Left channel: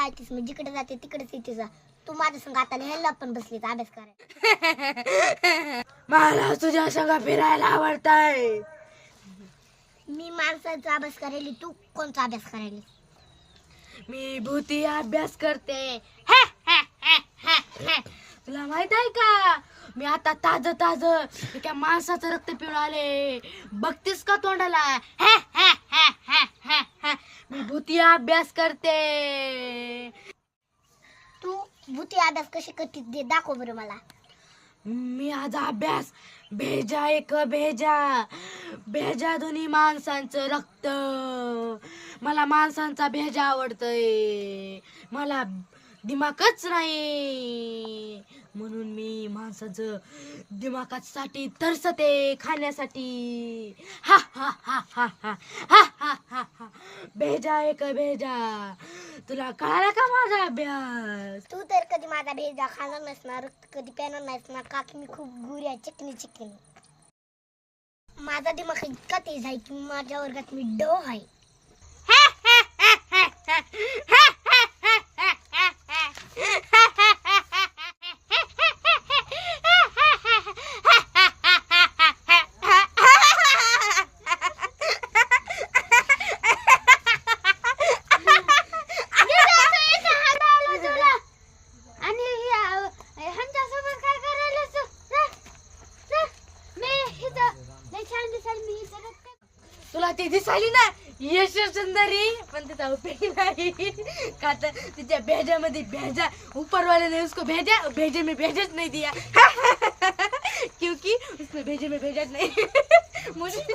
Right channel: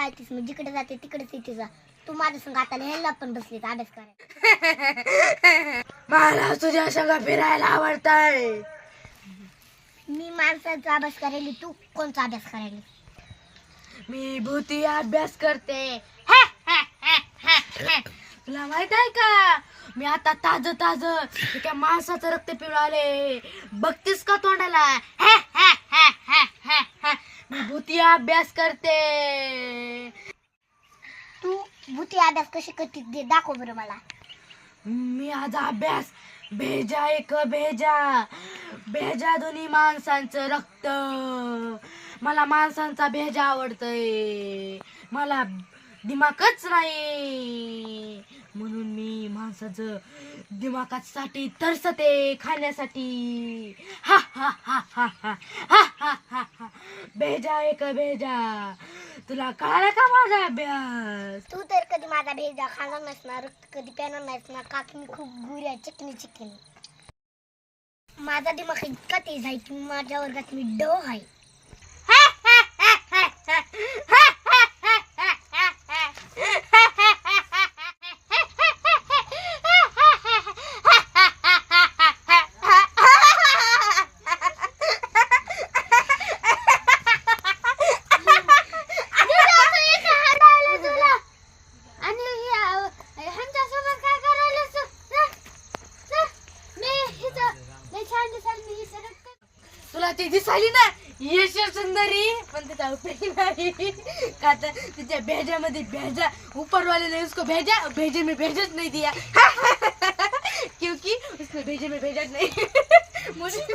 आलतीस मी जिकडे जाते तिकडेच येते जा. तू माझ्या संग आता लिहायला पण बसलीस अभ्यास करायला. मला तुझ्या संग फिरायला आवडतंय. मी माणसाचा अभ्यास करायली, तू कोणचा अभ्यास करायली? मी भूती अभ्यास करते. तुला माहित आहे का, मी आता ताज ताज एका माणसाचं रक्त पिऊन आले. बघतीस का तोंडाला? मी भूती अभ्यास करते. तू भूती अभ्यास कशी करते ते दाखव बरं मला. मी आज अभ्यास भेजा एक भेजा भेजा दोन्ही माणसांचं रक्त. मला माणसांचा भेजा आवडतय. मला दिमागच नाही म्हणून मी माणसाचं दिमागासाठी तरसते खाण्यासाठी. हा हा हा हा हा हा हा हा हा. भेजा एक भेजा. तुला कळालं का माझा अभ्यास? तू तर कधी माझा भेजा खाणार नाहीस ना, रक्त कधी प्याणार नाहीस ना, का की मी खूप गुऱ्या चिकनी चिकनी. माझा दिमाग इतका तेज आहे की माझ्या वर्गात मी ड आहे. तुला ती दिसायली ना यश सुंदरी, पण तिचा उपयोग नाही का तर तिच्या भेजामध्ये भेजा ऊपर वाले ने उसको भेजा, भेजे में भेजत नहीं दिया क्योंकि उसने भेजे में भेजा नहीं मुझे